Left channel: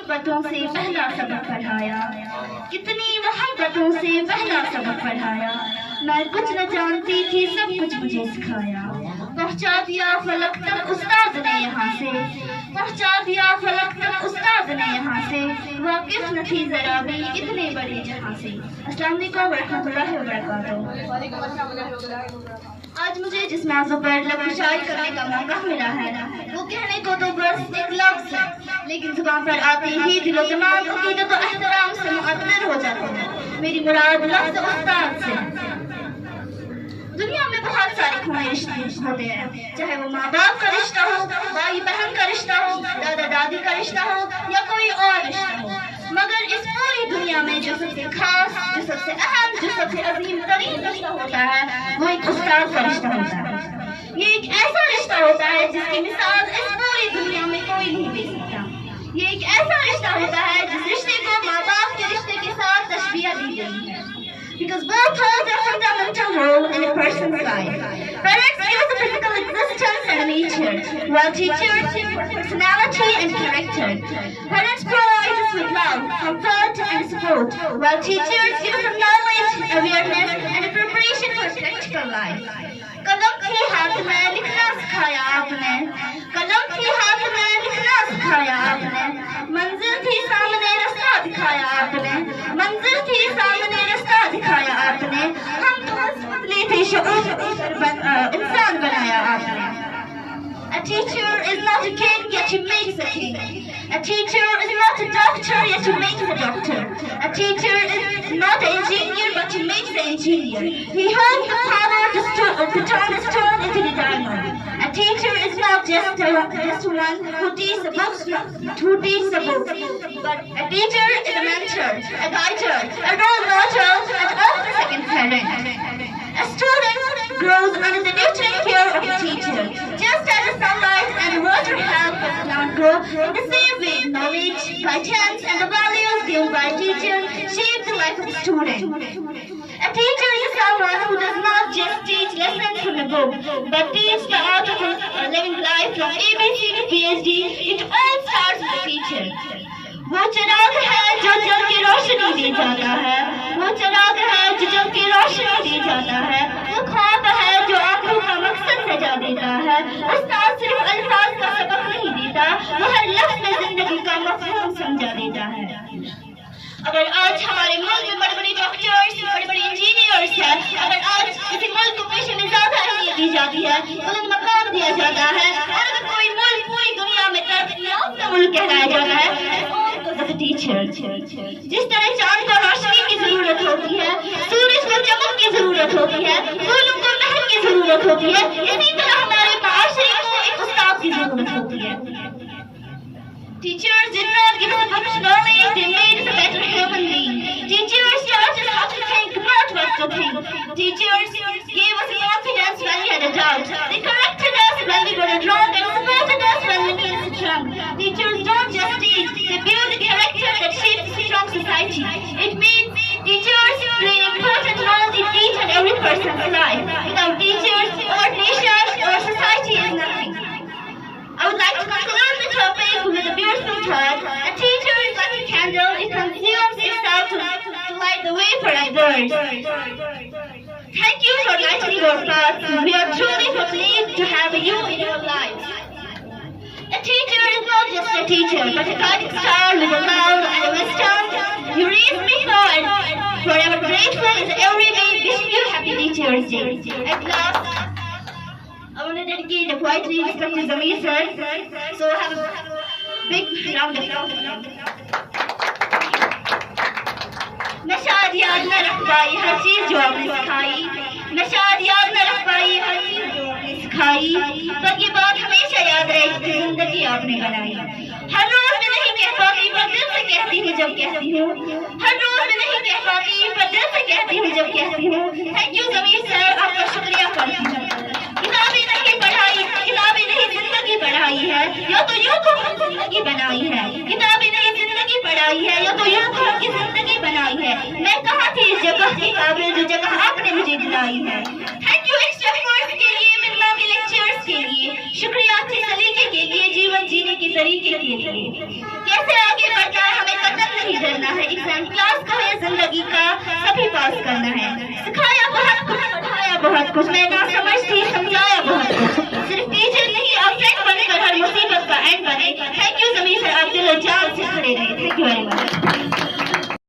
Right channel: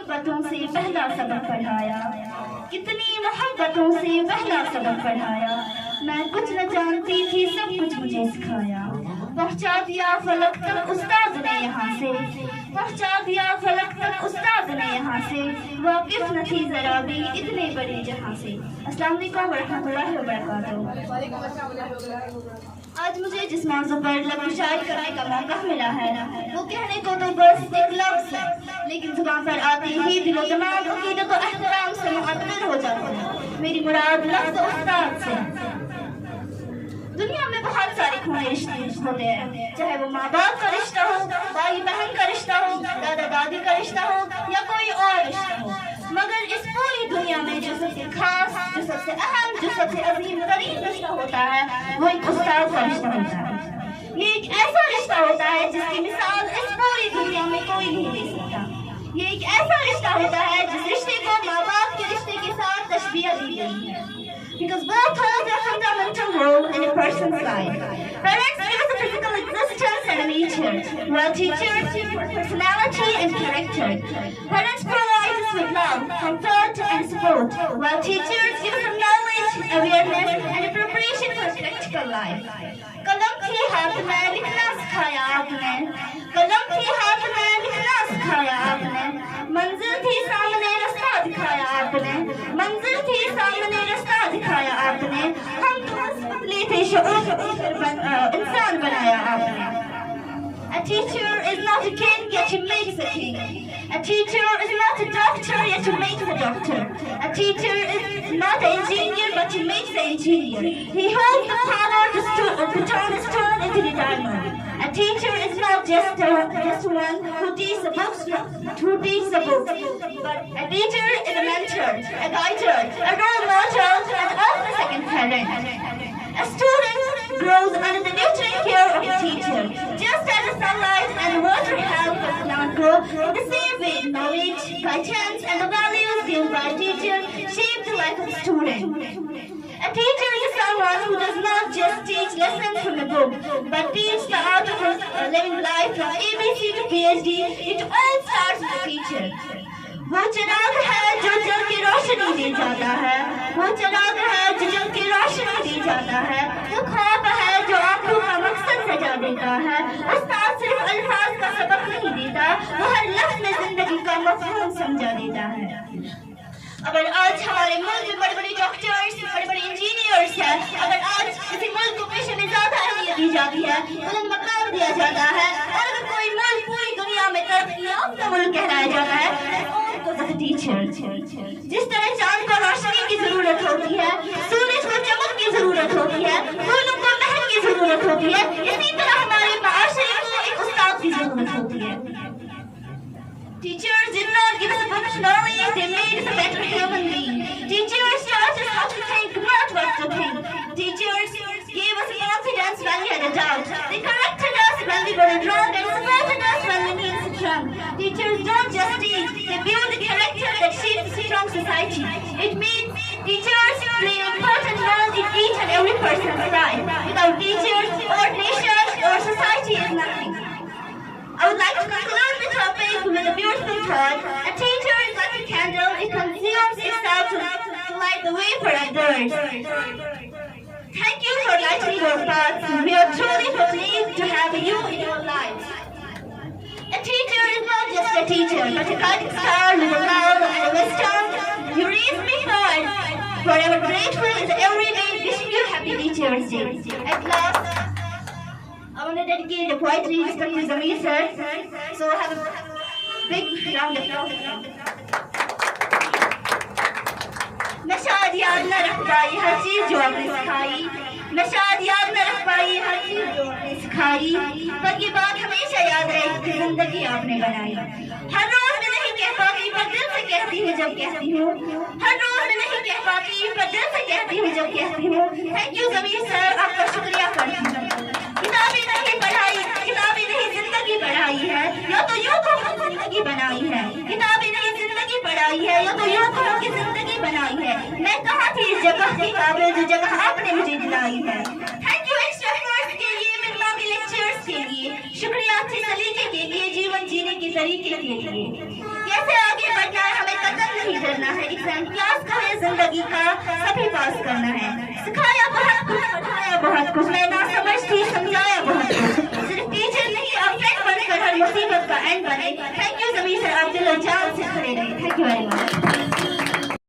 मोहब्बतों से पहला सबक पढ़ाया, कितनी मोहब्बतों से पहला सबक पढ़ाया। मैं कुछ न जानती थी, सब कुछ मुझे सिखाया। पहुंचा दिया फलक तक उस्ताद ने यहाँ से, पहुंचा दिया फलक तक उस्ताद ने यहाँ से। वाकिफ न थी जरा भी इतने बड़ी जहाँ से। अस्सलाम वालेकुम रहमतुल्लाहि व बरकातहू। आज मुझे जिस मौजू पर लफ्ज़ शायद करने का मौका मिला है, वो कहने को तो बस एक लफ्ज़ है, लेकिन जुबान पर आते ही दिलो दिमाग अक़ीदत और एहतराम से मुअत्तल हो जाता है। मेरी मुराद लफ्ज़ उस्ताद से। दुनिया में बहुत सारे खूनी रिश्ते होते हैं, चाहे वो माँ बाप का रिश्ता हो, भाई बहन का रिश्ता हो, दादा दादी का रिश्ता हो या कोई और रिश्ता हो, मगर इस पूरी दुनिया में जो सबसे खास, जो सबसे अहम, जो सबसे अजीम तरीन रिश्ता होता है, वो एक उस्ताद का रिश्ता होता है। ये एक ऐसा रिश्ता होता है जिसकी मिसाल इस पूरी दुनिया में कोई नहीं दे सकता। ये एक ऐसा रिश्ता होता है जिस रिश्ते को माँ बाप के रिश्ते के साथ तशबीह दी गई है। Because both hold a fundamental role in a person's life. Parents give us a physical existence and a nature, while teachers give us personality and character. Parents provide us with love, comfort, and support, while teachers give us knowledge, awareness, and a preparation for practical life. कलम के हाथ में लिखना सिखाया आपने, कलम के हाथ में लिखना सिखाया आपने। मंजिल थी सामने रास्ता दिखाया आपने, मंजिल थी सामने रास्ता दिखाया आपने। हम तो बस पतले थे, इंसान बनाया आपने। A teacher is not a king, yet he makes a king. A teacher is not a doctor, yet he makes a doctor. A teacher is not an engineer, but he makes an engineer. He holds the power to turn a stone into the diamond. A teacher is not just one who teaches the books, but a teacher is a mentor, a guider, a role model, and often a second parent. A student grows under the nurturing care of a teacher. Just as the sunlight and the water help the plant grow, in the same way, knowledge, guidance, and the values given by a teacher shape the life of a student. A teacher is someone who does not just teach lessons from a book, but teaches the art of living life from ABC to PhD. It all starts with a teacher. वो चिराग है जो जल की रोशनी दे जाता है, वो चिराग है जो जल की रोशनी दे जाता है। वो ख्वाब है जो आंखों का मकसद सजा देता है। उस्ताद सिर्फ अल्फाज का सबक नहीं देता, वो हर लफ्ज़ में जिंदगी का मफ़हूम समझा देता है। अगर आज हमारे मुल्क में बड़े बड़े डॉक्टर्स, बड़े बड़े इंजीनियर्स हैं, अगर आज किसी मुल्क को पेशे में ज्यादा अहमियत दी जाती है, बुलंद मकाम दिया जाता है, और अगर कोई मुल्क पूरी दुनिया में तरक्की याफ्ता मुल्क कहलाया जाता है, टीचर। जिस तरह चांद को रोशनी की जरूरत होती है, सूरज को चमक की जरूरत होती है, फूलों को महक की जरूरत होती है, इसी तरह हमारे माशरे को एक उस्ताद की जरूरत होती है। Teachers did not give us a book of knowledge, they made us a better human being. Teachers taught us how to think, not what to think. Teachers gave us confidence when we had a doubt. They corrected us when we were wrong and supported us when we needed strength. Teachers don't just teach, they build a character that shapes a strong society. It means teachers play an important role in each and every person's life. Without teachers, our nation, our society is nothing. I would like to conclude the topic with a beautiful thought. A teacher is like a candle, it consumes itself to light the way for others. Thank you for lighting your path. We are truly pleased to have you in our lives. A teacher is not just a teacher, but a guiding star with a love and a wisdom. You raised me now and forever grateful is every day wishing you happy Teachers Day. At last, I want to dedicate the poetry to Zamir sir. So have a big round of applause. मैं शायद याद न रख पाई हर चीज जो आपने सिखाई, मैं शायद याद न रख पाई हर चीज जो आपने सिखाई, पर ये बात हमेशा याद रहेगी कि जिंदगी आपने बनाई। हर रोज मैं नहीं कह पाती पर दिल से कहती हूँ जब कहती हूँ, हर रोज मैं नहीं कह पाती पर दिल से कहती हूँ जब कहती हूँ। थैंक यू जमीर सर, आपका शुक्रिया करती हूँ। किताबें नहीं पढ़ाई, किताबें नहीं जिंदगी पढ़ाई है, या तो यूं को हम जिंदगी बनाई है। किताबें नहीं जिंदगी पढ़ाई है, या तो यूं को हम जिंदगी बनाई है। मैं कहाँ थी इस जगह की काबिल जो जगह आपने मुझे दिलाई है। थैंक यू एक्स्ट्रा कोर्स के लिए, मिलना के लेक्चर्स के लिए, शुक्रिया अच्छे सलीके के लिए, जीवन जीने के तरीके के लिए। कैसे आगे बढ़ना नहीं डरना है। एग्जाम क्लास का है, जिंदगी का सभी पास करना है। सिखाया बहुत कुछ, पढ़ाया बहुत कुछ, मैं ना समझ थी, समझाया बहुत कुछ। सिर्फ टीचर नहीं, आप फ्रेंड बनकर हर मुसीबत का एंड बने। थैंक यू ज़मीर सर, आप दिल और जान से खड़े रहे। Thank you very much.